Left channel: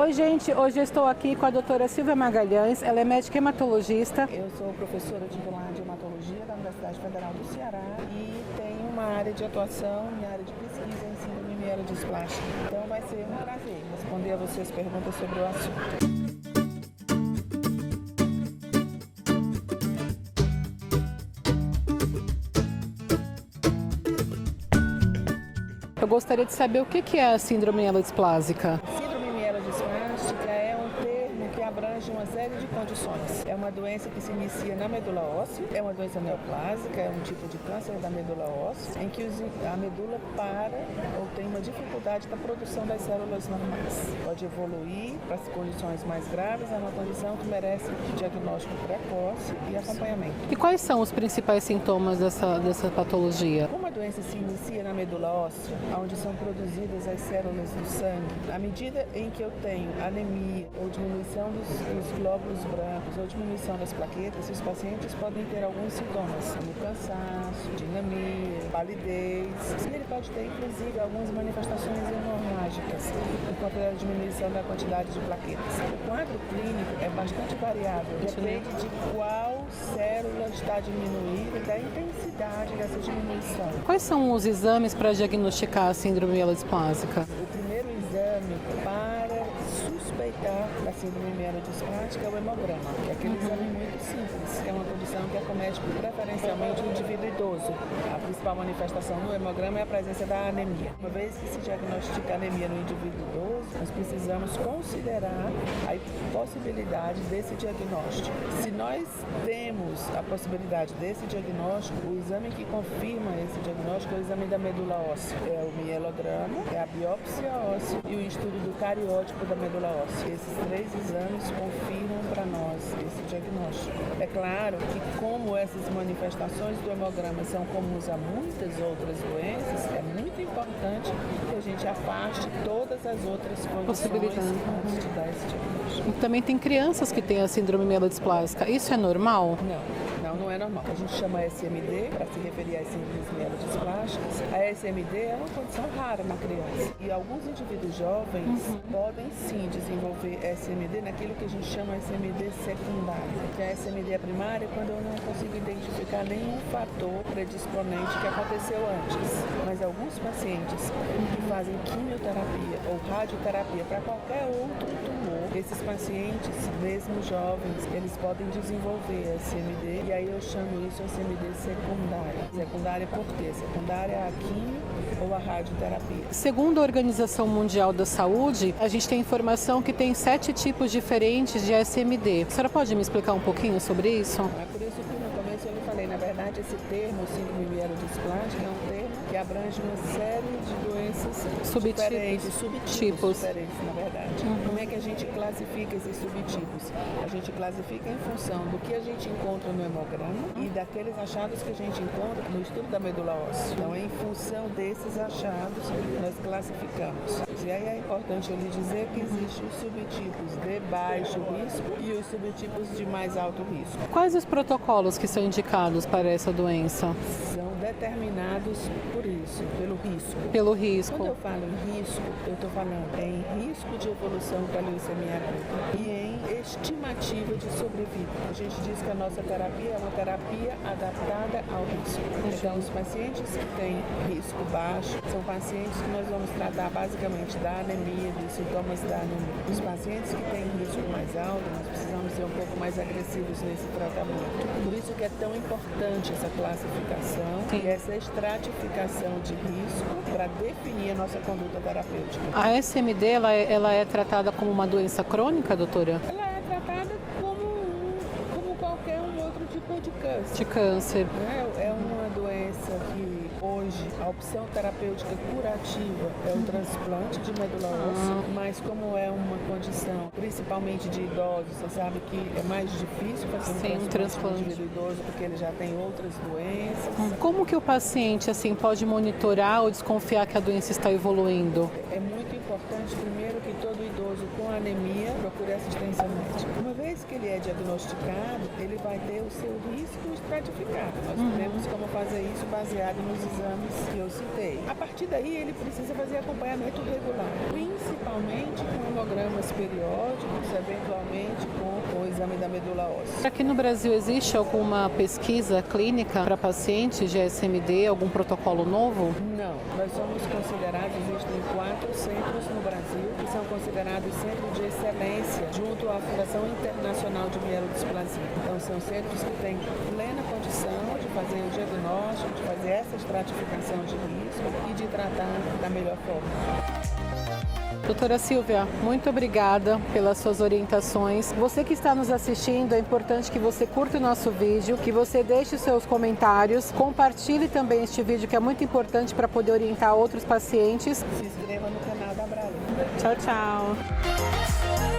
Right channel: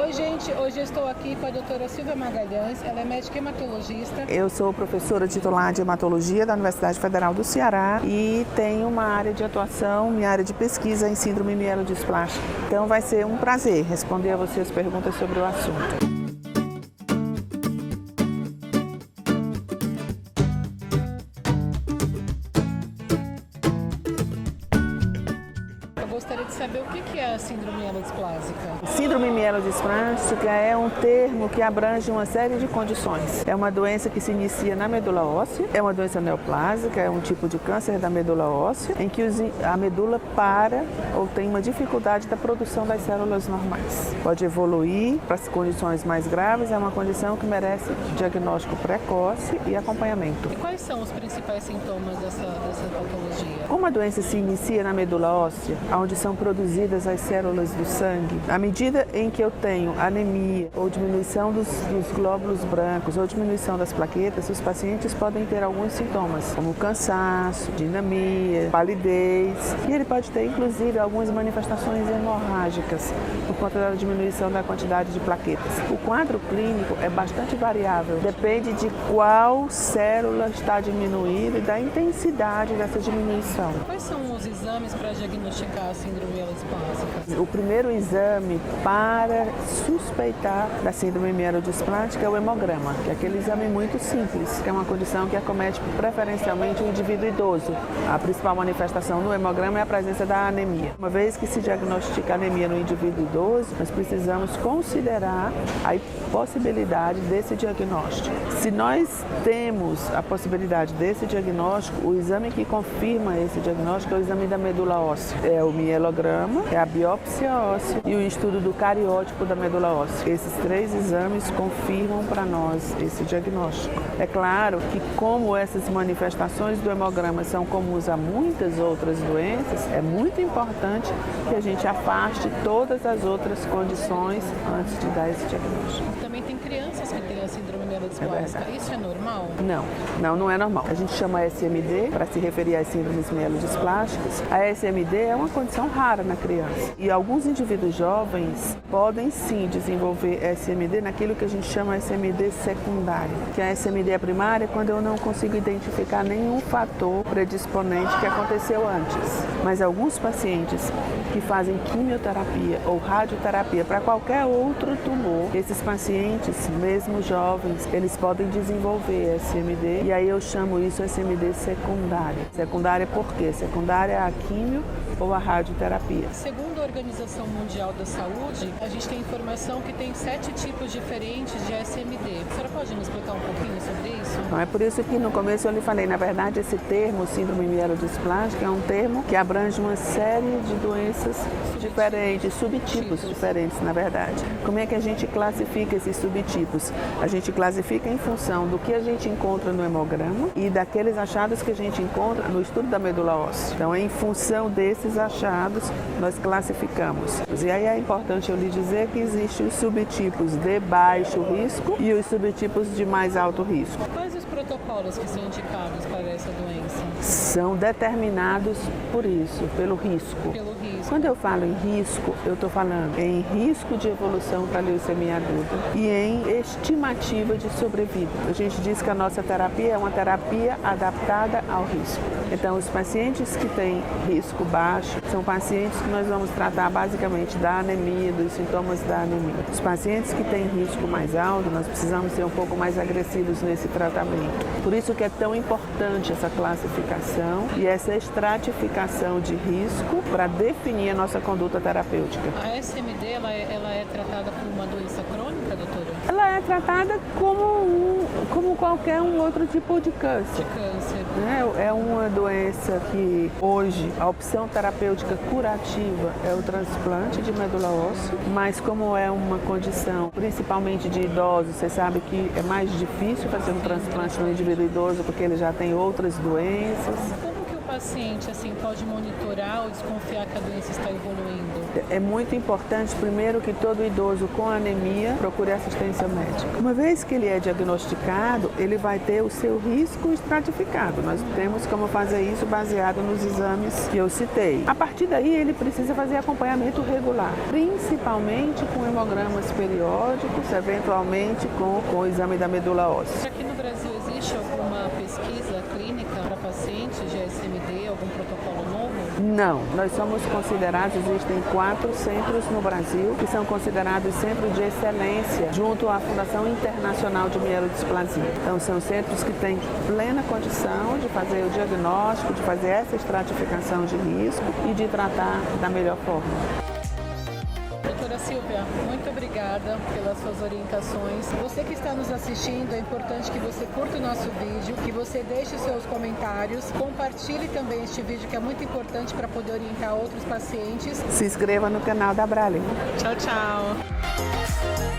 Oi, gente. Hoje eu estou aqui com a doutora Silvia Magalhães. Ela é médica hematologista. Eu sou professora titular de hematologia da Universidade Federal do Ceará e tenho uma área de atuação, minha área de pesquisa em síndrome mielodisplásica. Então vai ser um prazer responder a vocês perguntas sobre o assunto. Eu gostaria de saber o que é a síndrome mielodisplásica. Síndrome mielodisplásica é um termo que abrange uma série de condições. É uma doença que se inicia na medula óssea, é uma doença neoplásica, é um tipo de câncer da medula óssea, em que a medula para ou tem uma dificuldade da produção das células normais. Pode evoluir para as condições mais graves, é uma condição que merece diagnóstico precoce e acompanhamento. E quais são os principais sintomas dessa patologia? Como a doença se inicia na medula óssea, onde são produzidas as células do sangue, à medida em que eu tenho anemia ou diminuição dos glóbulos brancos ou diminuição das plaquetas, os pacientes podem ter alguns sintomas, como cansaço, dinamia, palidez, e ele pode ter inclusive algumas manifestações hemorrágicas por conta da diminuição da quantidade de plaquetas. O quadro clínico é bastante variável, depende de qual célula está diminuída e da intensidade dessa diminuição. Quais são os exames para diagnosticar a síndrome mielodisplásica? O primeiro exame para suspeitar da síndrome mielodisplásica é o hemograma, que é aquele exame muito simples, que é uma condição que acomete preferencialmente o indivíduo idoso. A principal manifestação no hemograma é a presença da anemia. Uma vez que se diagnostica anemia no indivíduo idoso, nós precisamos considerar a possibilidade desse diagnóstico. Se nós temos a possibilidade desse diagnóstico, o exame que confirma esse diagnóstico é o exame da medula óssea. É o mielograma, é a biópsia óssea e o estudo do cariótipo da medula óssea. Esses três exames confirmam para nós esse diagnóstico. É claro que como essas manifestações do hemograma são comuns a muitas outras doenças, é muito importante que a gente afaste todas as outras condições antes de dar esse diagnóstico. Também tem crianças que têm a síndrome mielodisplásica. Isso é normal? Não é normal. A gente chama SMD para se referir às síndromes mielodisplásticas. A SMD é uma condição rara na criança. E alguns indivíduos jovens podem sim desenvolver SMD naquilo que a gente chama SMD secundário. Que a SMD primária é quando eu não consigo identificar nenhum fator predisponente que aconteceu antes. Mas alguns pacientes que fazem quimioterapia ou radioterapia para qualquer outro tumor, esses pacientes, mesmo jovens, eles podem desenvolver SMD e aí eu chamo isso SMD secundária. Secundária por quê? Secundária é a quimio ou a radioterapia. Segundo a Organização Mundial da Saúde, a gente tem informação que tem 7 tipos diferentes de SMD. A senhora pode me explicar um pouquinho sobre isso? É por isso que no começo eu lhe falei, na verdade esse termo, síndrome mielodisplásica, é um termo que abrange uma série de doenças diferentes, subtipos diferentes, na verdade. Como é que a gente classifica esses subtipos? A gente classifica em função do que a gente encontra no hemograma e daqueles achados que a gente encontra no estudo da medula óssea. Então, em função desses achados, nós classificamos. E aí é importante eu lhe dizer que existem os subtipos de baixo risco e os subtipos de mais alto risco. Quais os protocolos que são indicados para essa doença? São determinados por isso, pelo risco. Pelo risco. Quando eu falo em risco, eu estou falando em risco de evolução para a leucemia aguda e em estimativa de sobrevida. A gente diz que a nossa terapia é uma terapia adaptada ao risco. Então, os pacientes que têm risco baixo são pacientes que nós vamos tratar basicamente da anemia, dos sintomas da anemia. Os pacientes que têm risco mais alto, nós precisamos ser um pouco mais agressivos nesse tratamento. Por isso que é tão importante essa classificação e essa estratificação de risco para definir a nossa conduta terapêutica. A SMD, ela é tratada como uma doença crônica, doutora? Ela é tratada como qualquer outro tipo de câncer. De câncer. É uma doença que hoje a opção terapêutica curativa é o transplante de medula óssea, mas como é uma condição principalmente de idosos, você sabe que é mais difícil fazer um transplante no indivíduo idoso porque ele já tem outras doenças. Como que o paciente pode monitorar ou desconfiar que a doença está evoluindo? É muito importante, primeiro, que todo idoso com anemia procure assistência médica. Uma vez que ele é diagnosticado estratificado, ele vai ter o seu risco estratificado. Nós temos como fazer isso baseado nos exames que eu citei. A partir daí, ele precisa fazer acompanhamento regular, principalmente com hemogramas periódicos, eventualmente com o exame da medula óssea. Aqui no Brasil existe alguma pesquisa clínica para pacientes de SMD, algum protocolo novo? Não, nós somos considerados, existem 4 centros no Brasil que são considerados centros de excelência junto à Fundação Internacional de Mielodisplasia. Então são centros que têm plena condição de fazer o diagnóstico, de fazer essa estratificação de risco e de tratar da melhor forma. Doutora Silvia, muito obrigada pelas suas orientações. Você que está nos assistindo, é importante que você curta o nosso vídeo, que você deixe seus comentários, compartilhe também este vídeo que é muito importante para poder orientar outros pacientes. Se inscreva no canal da Abrale. Tchau, tchau.